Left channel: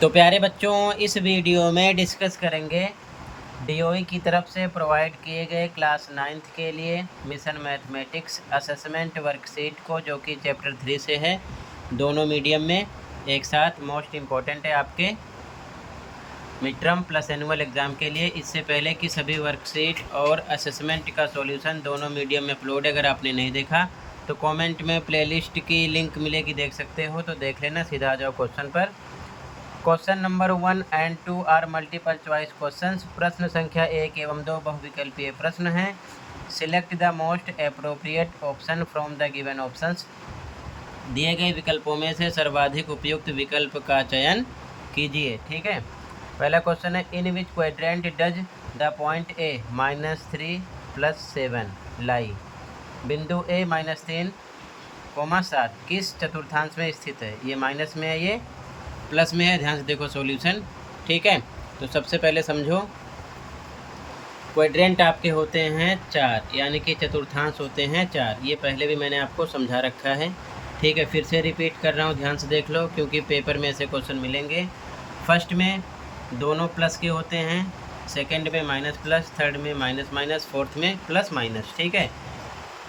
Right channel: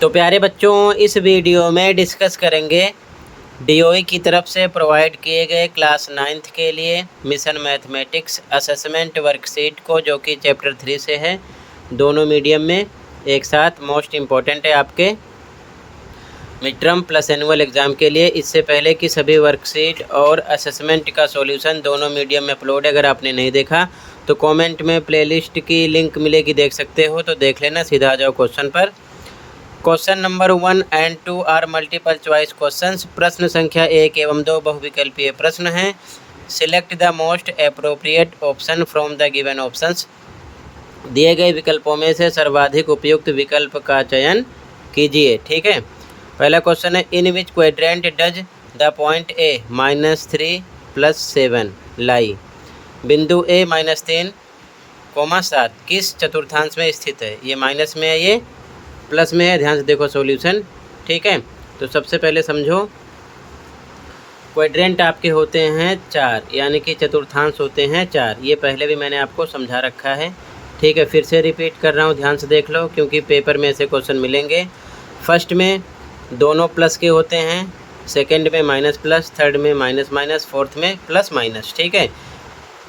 तो प्यारे बच्चों, इस वीडियो में डिस्कस करेंगे डीओई की तरफ से प्रोवाइड किए गए क्लास 9th के लिए मिशन मैथमेटिक्स असेसमेंट वर्कशीट को, जो कि चैप्टर 3 से है, दोनों मीडियम में एक साथ। मोस्ट इम्पॉर्टेंट है आपके mid term plus annual exam के लिए। इससे पहले कि सभी वर्कशीट और असेसमेंट का सॉल्यूशन दोनों मीडियम में अपलोड है। अगर आपने नहीं देखा तो कमेंट में प्लेलिस्ट की लिंक मिलेगी, देख सकते हो, तो देख लेना। सीधा आ जाओ क्वेश्चन पर। Question number 1 and 2 are multiple choice questions. प्रश्न संख्या 1 एवं 2 बहुविकल्पीय प्रश्न हैं। Select the most appropriate option from the given options. दिए गए विकल्पों में से सर्वाधिक उपयुक्त विकल्प का चयन कीजिए। ठीक है, पहला क्वेश्चन है, इन विच क्वेड्रेंट डज द पॉइंट ए -3 + 7 लाई। बिंदु ए -3, 7 किस चतुर्थांश में स्थित है? ये माइनस में है, ये प्लस में है। ध्यान से देखो सॉल्यूशन। ठीक है, तो सबसे पहले समझो, क्वाड्रेंट आपके होते हैं 4, यानी कि चतुर्थांश होते हैं 4। ये पहले भी मैंने आपको समझा रखा है। ठीक है, फिर से रिपीट कर रहा हूँ, ध्यान से देख लो, क्योंकि पेपर में ऐसे क्वेश्चन मिलेंगे। फर्स्ट में दोनों प्लस के होते हैं, सेकंड में माइनस प्लस, थर्ड में माइनस माइनस, फोर्थ में प्लस माइनस। ठीक है,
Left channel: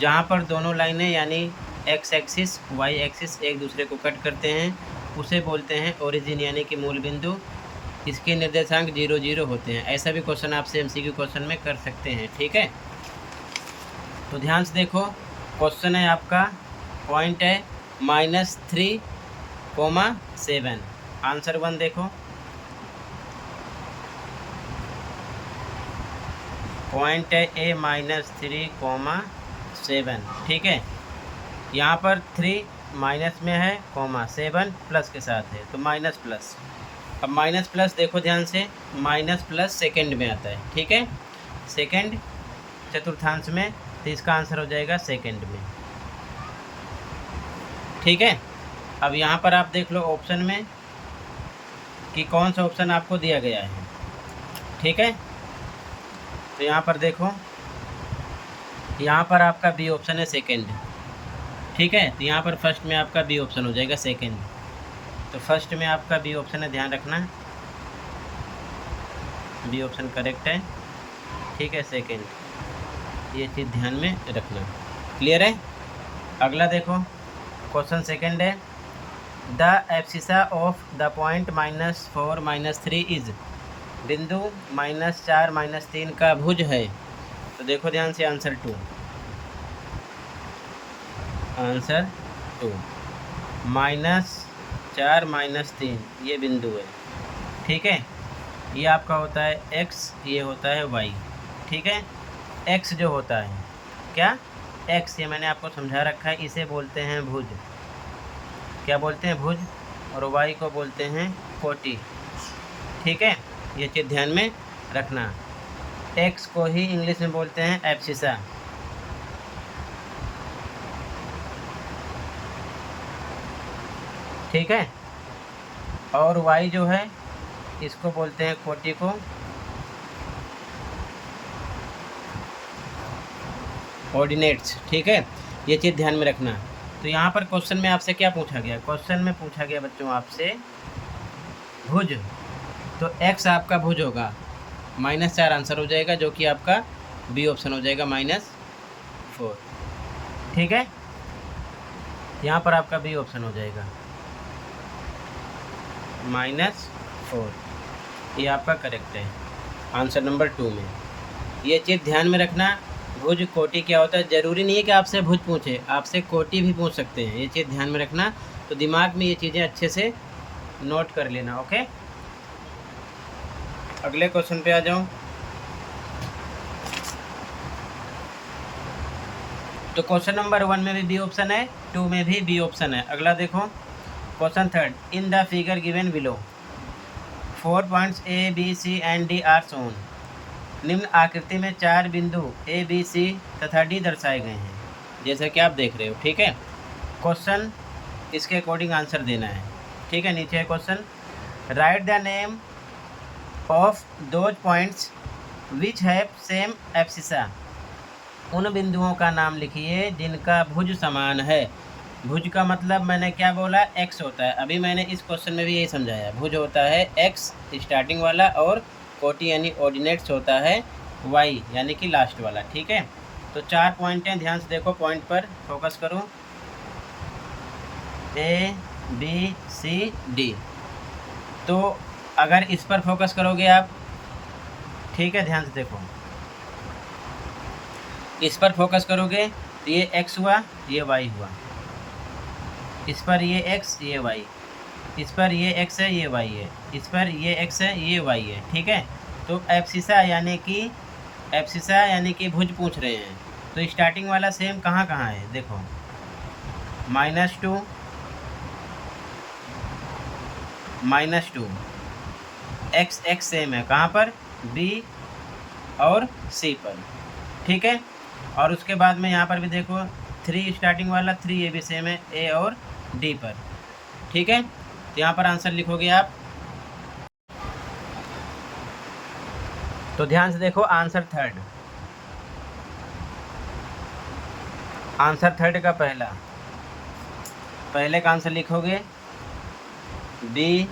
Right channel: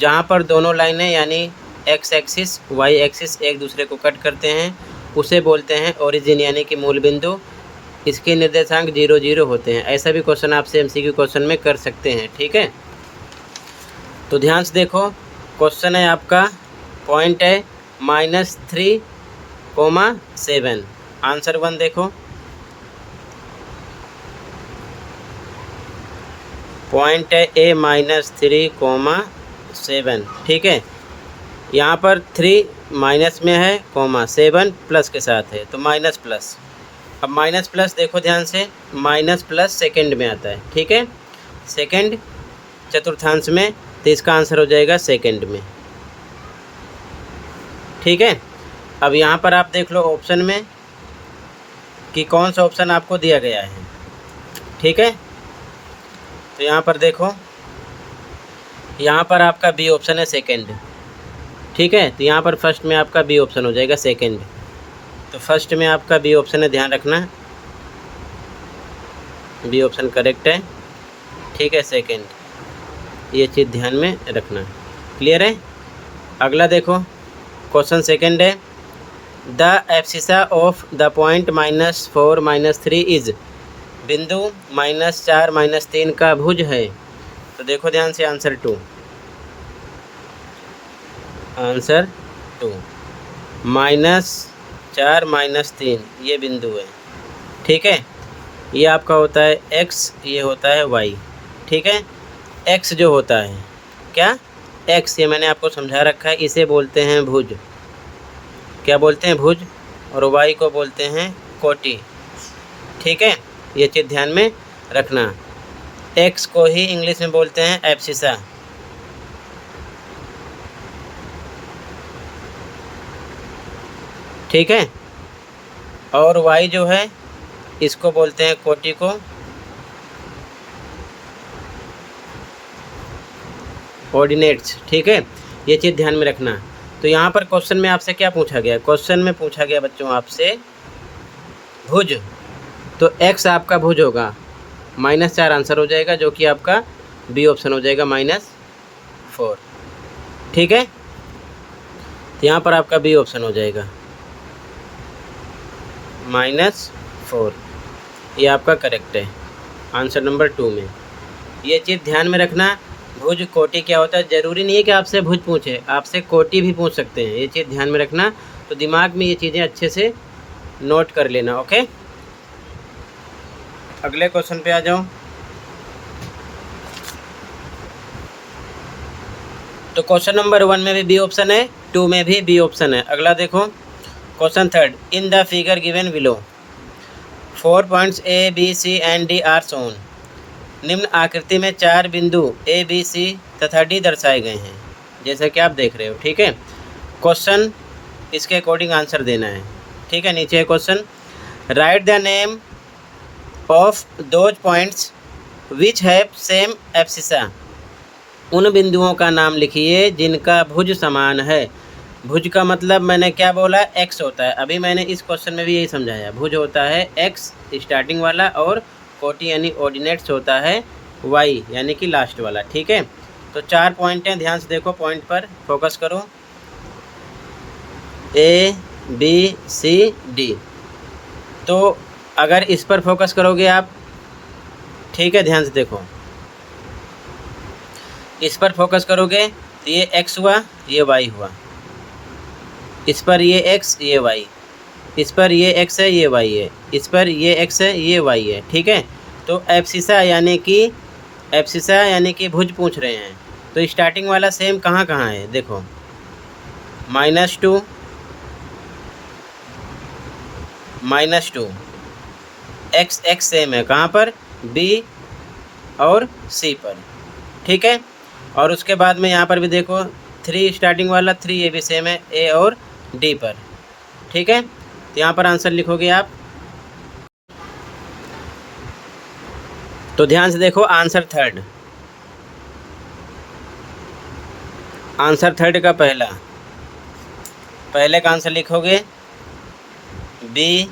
जहाँ पर दोनों लाइनें यानी एक्स एक्सिस वाई एक्सिस एक दूसरे को कट करते हैं, उसे बोलते हैं ओरिजिन, यानी कि मूल बिंदु। इसके निर्देशांक 0 0 होते हैं। ऐसा भी क्वेश्चन आपसे एमसीक्यू क्वेश्चन में कर सकते हैं। ठीक है, तो ध्यान से देखो, क्वेश्चन है आपका, पॉइंट है -3, 7। आंसर 1 देखो, पॉइंट है ए -3, 7। ठीक है, यहाँ पर 3 माइनस में है, 7 प्लस के साथ है, तो माइनस प्लस। अब माइनस प्लस देखो ध्यान से, माइनस प्लस सेकंड में आता है। ठीक है, सेकंड चतुर्थांश में, तो इसका आंसर हो जाएगा सेकंड में। ठीक है, अब यहाँ पर आप देख लो ऑप्शन में कि कौन सा ऑप्शन आपको दिया गया है। ठीक है, तो यहाँ पर देखो, यहाँ पर आपका बी ऑप्शन है, सेकंड। ठीक है, तो यहाँ पर फर्स्ट में आपका बी ऑप्शन हो जाएगा, सेकंड। तो फर्स्ट में आपका बी ऑप्शन है, ध्यान रखना, बी ऑप्शन करेक्ट है। ठीक है, सेकंड, ये चीज़ ध्यान में रखना। क्लियर है? अगला देखो, क्वेश्चन सेकंड है, the abscissa of the point -4 -3 is. बिंदु -4 -3 का भुज है। तो देखो ध्यान से, आंसर 2, आंसर 2, -4 -3 ये बिंदु है। ठीक है, ये आपका होता है x, ये होता है y। ठीक है, x जो होता है क्या, x, ये मैंने आपको समझा रखा है, इसे बोलते हैं भुज। क्या बोलते हैं? भुज। और y को बोलते हैं कोटि। ठीक है, ये चीज़ ध्यान में रखना। x को ही इंग्लिश में बोलते हैं एब्सिसा। ठीक है, और y जो है इसको बोलते हैं कोटि को। ऑर्डिनेट्स। ठीक है, ये चीज़ ध्यान में रखना। तो यहाँ पर क्वेश्चन में आपसे क्या पूछा गया? क्वेश्चन में पूछा गया बच्चों आपसे भुज। तो x आपका भुज होगा, -4 आंसर हो जाएगा, जो कि आपका बी ऑप्शन हो जाएगा, -4। ठीक है, तो यहाँ पर आपका बी ऑप्शन हो जाएगा, -4। ये आपका करेक्ट है, आंसर नंबर 2 में। ये चीज़ ध्यान में रखना, भुज कोटि क्या होता है। ज़रूरी नहीं है कि आपसे भुज पूछे, आपसे कोटि भी पूछ सकते हैं। ये चीज़ ध्यान में रखना, तो दिमाग में ये चीज़ें अच्छे से नोट कर लेना। ओके, अगले क्वेश्चन पे आ जाओ। तो क्वेश्चन नंबर 1 में भी बी ऑप्शन है, 2 में भी बी ऑप्शन है। अगला देखो, question third, in the figure given below 4 points A B C and D are shown. निम्न आकृति में 4 बिंदु ए बी सी तथा डी दर्शाए गए हैं, जैसा कि आप देख रहे हो। ठीक है, क्वेश्चन इसके अकॉर्डिंग आंसर देना है। ठीक है, नीचे है question, right the name of those points which have same abscissa. उन बिंदुओं का नाम लिखिए जिनका भुज समान है। भुज का मतलब मैंने क्या बोला, एक्स होता है। अभी मैंने इस क्वेश्चन में भी यही समझाया, भुज होता है एक्स स्टार्टिंग वाला, और कोटि यानी ऑर्डिनेट्स होता है वाई यानी कि लास्ट वाला। ठीक है, तो 4 पॉइंट हैं, ध्यान से देखो, पॉइंट पर फोकस करो। ए बी सी डी, तो अगर इस पर फोकस करोगे आप, ठीक है, ध्यान से देखो, इस पर फोकस करोगे तो ये एक्स हुआ, ये वाई हुआ, इस पर ये एक्स ये वाई, इस पर ये एक्स है ये वाई है, इस पर ये एक्स है ये वाई है। ठीक है, तो एब्सिसा यानी कि भुज पूछ रहे हैं, तो स्टार्टिंग वाला सेम कहाँ कहाँ है, देखो -2 -2, एक्स एक्स सेम है कहाँ पर, बी और सी पर। ठीक है, और उसके बाद में यहाँ पर भी देखो 3 स्टार्टिंग वाला 3, ये भी सेम है ए और डी पर। ठीक है, तो यहाँ पर आंसर लिखोगे आप। तो ध्यान से देखो, आंसर थर्ड का पहले का आंसर लिखोगे बी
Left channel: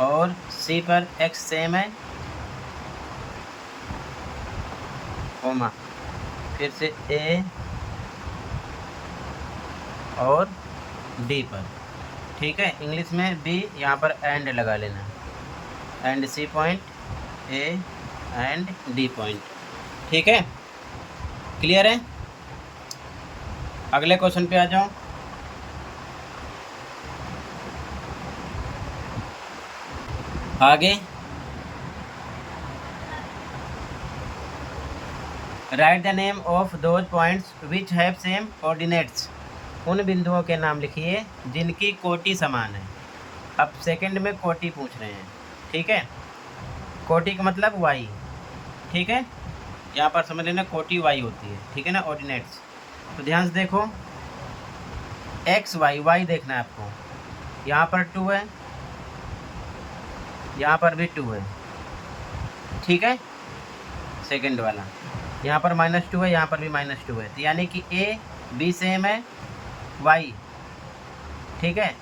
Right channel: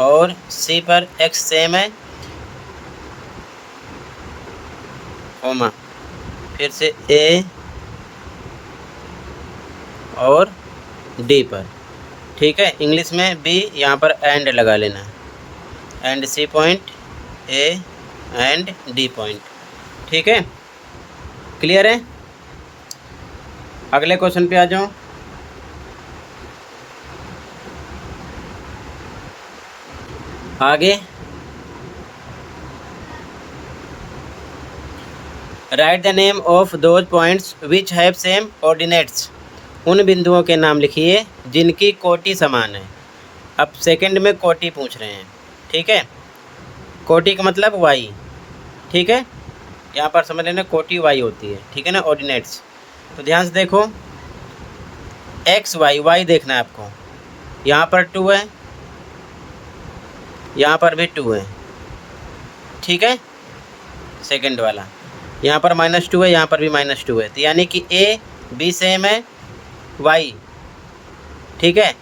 और सी पर एक्स सेम है, कोमा, फिर से ए और डी पर। ठीक है, इंग्लिश में बी, यहाँ पर एंड लगा लेना है, and C point, A and D point. ठीक है, क्लियर है। अगले क्वेश्चन पे आ जाओ। आगे, right the name of those points which have same ordinates. उन बिंदुओं के नाम लिखिए जिनकी कोटि समान है। अब सेकंड में कोटि पूछ रहे हैं। ठीक है, कोटि का मतलब वाई। ठीक है, यहाँ पर समझ लेना कोटि वाई होती है। ठीक है ना, ऑर्डिनेट्स। तो ध्यान से देखो, एक्स वाई, वाई देखना है आपको, यहाँ पर 2 है, यहाँ पर भी 2 है। ठीक है, सेकंड वाला, यहाँ पर -2 है, यहाँ पर भी -2 है, तो यानी कि ए बी सेम है वाई। ठीक है,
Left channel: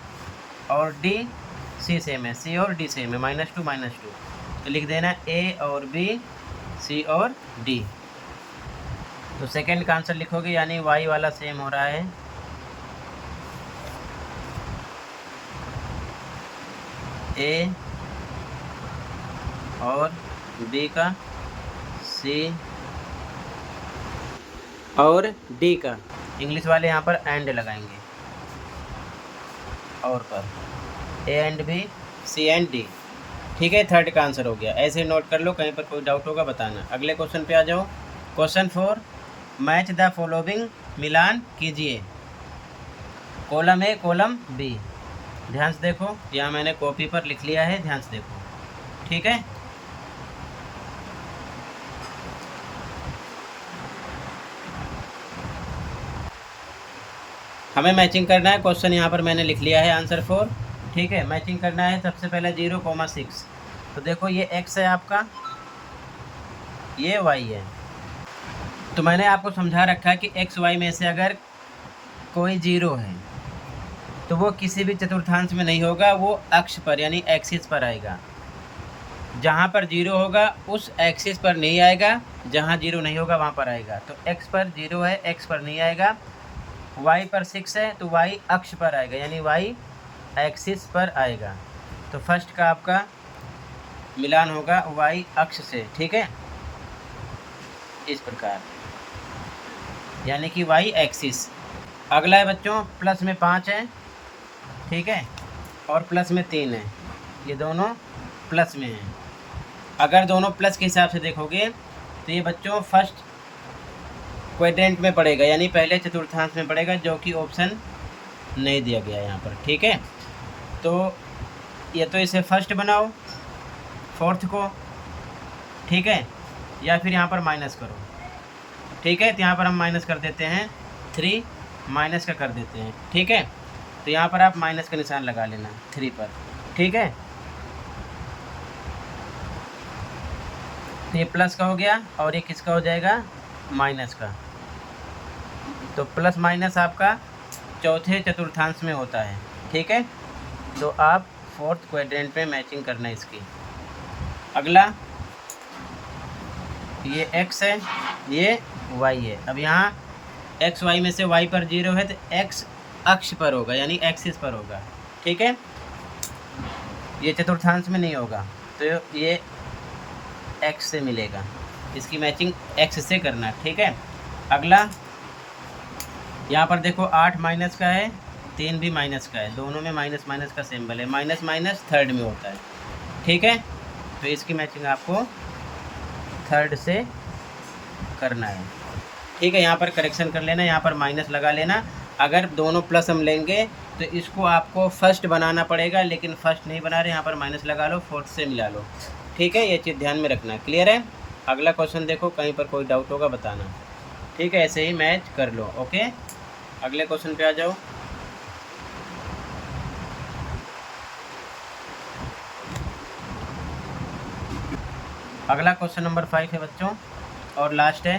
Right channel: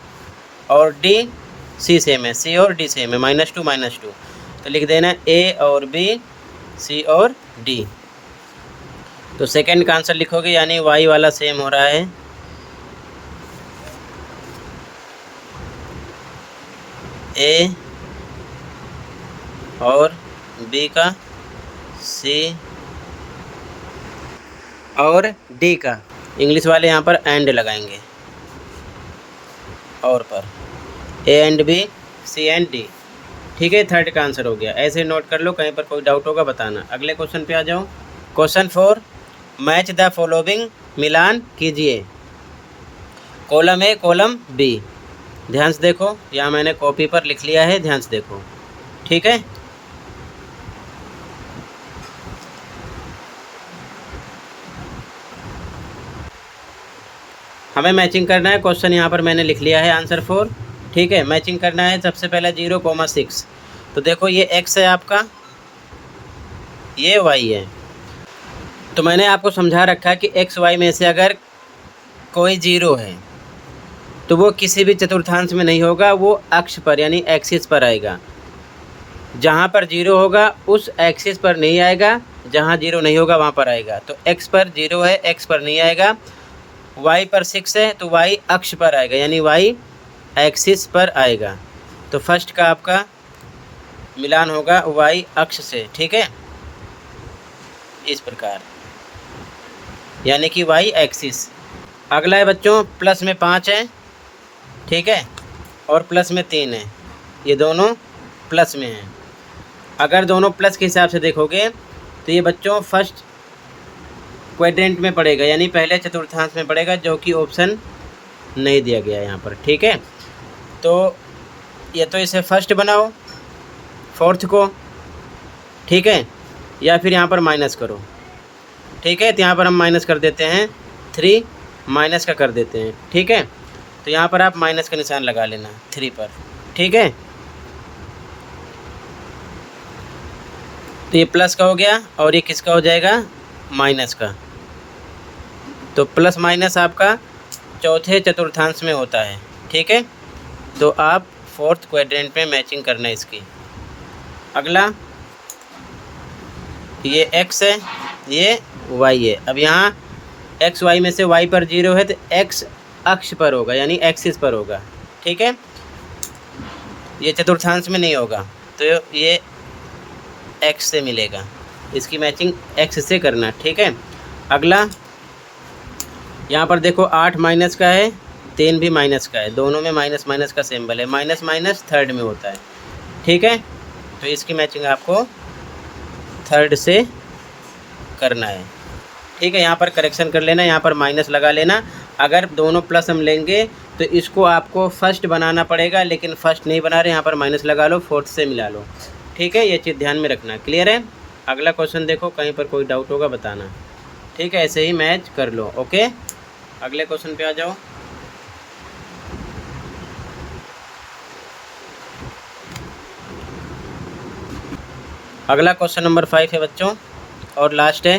और डी सी सेम है, सी और डी सेम है, -2 -2, तो लिख देना ए और बी, सी और डी। तो सेकंड का आंसर लिखोगे, यानी वाई वाला सेम हो रहा है ए और बी का, सी और डी का। इंग्लिश वाले यहाँ पर एंड लगाएंगे, और पर A and B, C and D. ठीक है, थर्ड का आंसर हो गया। ऐसे नोट कर लो, कहीं पर कोई डाउट होगा बताना। अगले क्वेश्चन पे आ जाओ। क्वेश्चन 4, मैच द फॉलोइंग, मिलान कीजिए, कॉलम ए कॉलम बी। ध्यान से देखो, यहाँ मैंने कॉपी पर लिख लिया है, ध्यान से देखो। ठीक है, हमें मैचिंग करना है। क्वेश्चन यहाँ पर मैंने लिख लिया है, आंसर 4। ठीक है, मैचिंग करना है। सबसे पहले 0,6, तो देखो ये x है आपका, ये y है। तो मैंने आपको समझा रखा है कि x y में से अगर कोई 0 है तो वो किसी भी चतुर्थांश में नहीं होगा, वो अक्ष पर यानी एक्सिस पर आएगा। जहाँ पर 0 होगा उस एक्सिस पर नहीं आएगा, जहाँ 0 नहीं होगा वहाँ पर आएगा। तो x पर 0 है, x पर नहीं आएगा। y पर 6 है, तो y अक्ष पर आएगा, यानी y एक्सिस पर आएगा। तो फर्स्ट का आपका मिलान होगा y अक्ष से। ठीक है, इस प्रकार, यानी कि y एक्सिस। अगला है बच्चों, प्लस में 5 है, ठीक है, और प्लस में 3 है, ये दोनों प्लस में हैं। अगर दोनों प्लस के हिसाब से देखोगे तो ये बच्चों फर्स्ट क्वाड्रेंट में पड़ेगा, यानी पहले चतुर्थांश में पड़ेगा, जो कि ऑप्शन नहीं दिया गया है यहाँ पर। ठीक है, तो ये तो इसे फर्स्ट बनाओ, फोर्थ को, ठीक है, या फिर यहाँ पर माइनस करो। ठीक है, तो यहाँ पर हम माइनस कर देते हैं, 3 माइनस का कर देते हैं। ठीक है, तो यहाँ पर आप माइनस का निशान लगा लेना 3 पर। ठीक है, तो ये प्लस का हो गया और ये किसका हो जाएगा, माइनस का। तो प्लस माइनस आपका चौथे चतुर्थांश में होता है, ठीक है। तो आप फोर्थ क्वाड्रेंट में मैचिंग करना है इसकी। अगला ये x है, ये y है। अब यहाँ एक्स वाई में से y पर 0 है तो x अक्ष पर होगा, यानी एक्सिस पर होगा, ठीक है। ये चतुर्थांश में नहीं होगा, तो ये x से मिलेगा। इसकी मैचिंग x से करना, ठीक है। अगला यहाँ पर देखो 8 माइनस का है, 3 भी माइनस का है, दोनों में माइनस माइनस का सिंबल है। माइनस माइनस थर्ड में होता है, ठीक है। तो इसकी मैचिंग आपको थर्ड से करना है, ठीक है। यहाँ पर करेक्शन कर लेना, यहाँ पर माइनस लगा लेना। अगर दोनों प्लस हम लेंगे तो इसको आपको फर्स्ट बनाना पड़ेगा, लेकिन फर्स्ट नहीं बना रहे, यहाँ पर माइनस लगा लो, फोर्थ से मिला लो, ठीक है। ये चीज़ ध्यान में रखना, क्लियर है। अगला क्वेश्चन देखो, कहीं पर कोई डाउट होगा बताना, ठीक है। ऐसे ही मैच कर लो, ओके। अगले क्वेश्चन पे आ जाओ। अगला क्वेश्चन नंबर 5 है बच्चों, और लास्ट है।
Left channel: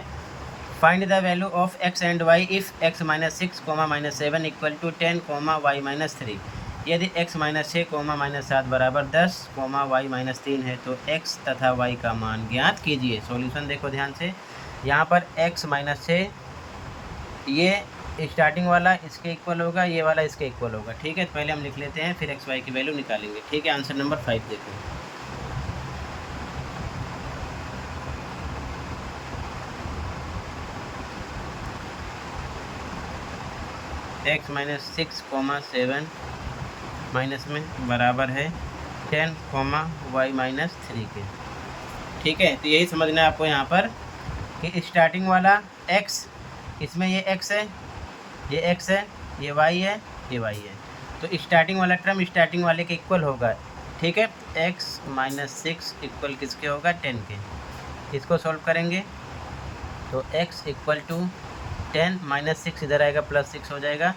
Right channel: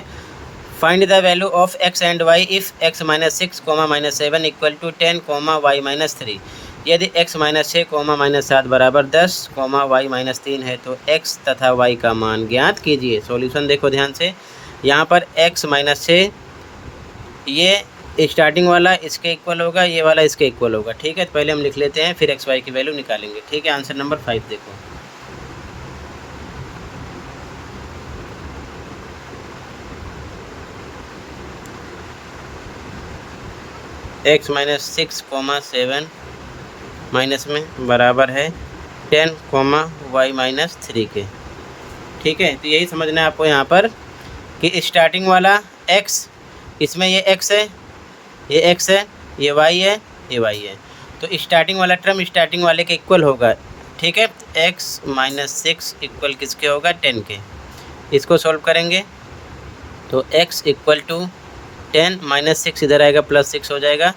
Find the value of x and y if x minus 6 comma minus 7 equal to 10 comma y minus 3। यदि x माइनस 6 कोमा माइनस 7 बराबर 10 कोमा y माइनस 3 है तो x तथा y का मान ज्ञात कीजिए। सॉल्यूशन देखो ध्यान से। यहाँ पर x माइनस 6, ये स्टार्टिंग वाला इसके इक्वल होगा, ये वाला इसके इक्वल होगा, ठीक है। पहले हम लिख लेते हैं, फिर x y की वैल्यू निकालेंगे, ठीक है। आंसर नंबर 5 देखो। x माइनस 6 कोमा 7 माइनस में बराबर है 10 कोमा वाई माइनस 3 के, ठीक है। तो यही समझना है आपको यहाँ पर कि स्टार्टिंग वाला x, इसमें ये x है, ये x है, ये y है, ये y है। तो स्टार्टिंग वाला टर्म स्टार्टिंग वाले के इक्वल होगा, ठीक है। x माइनस 6 इक्वल किसके होगा, 10 के। इसको सॉल्व करेंगे तो x इक्वल टू 10 माइनस 6 इधर आएगा, प्लस 6 हो जाएगा,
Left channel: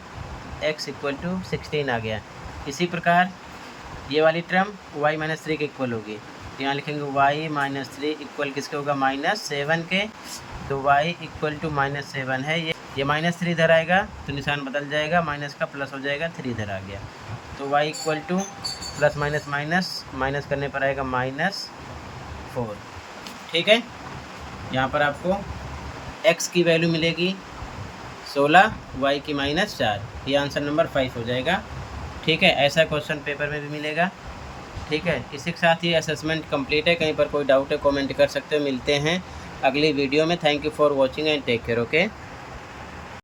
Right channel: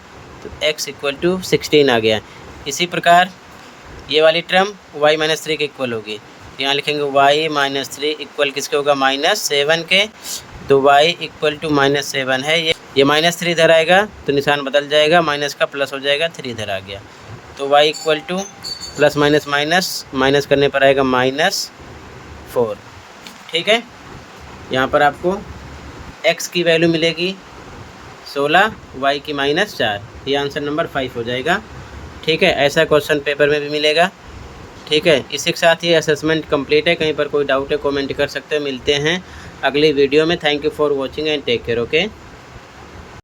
तो x इक्वल टू 16 आ गया। इसी प्रकार ये वाली टर्म y माइनस 3 के इक्वल होगी, यहाँ लिखेंगे y माइनस 3 इक्वल किसके होगा, माइनस 7 के। तो y इक्वल टू माइनस 7 है, ये माइनस 3 इधर आएगा तो निशान बदल जाएगा, माइनस का प्लस हो जाएगा, 3 इधर आ गया। तो y equal two plus minus minus minus करने पर आएगा -4, ठीक है। यहाँ पर आपको x की वैल्यू मिलेगी 16, y की -4। ये आंसर नंबर 5 हो जाएगा, ठीक है। ऐसा क्वेश्चन पेपर में भी मिलेगा, ठीक है। इसी के साथ ये असेसमेंट कंप्लीट है। कहीं पर कोई डाउट है कमेंट कर सकते हैं। मिलते हैं अगली वीडियो में। Thank you for watching and take care, okay.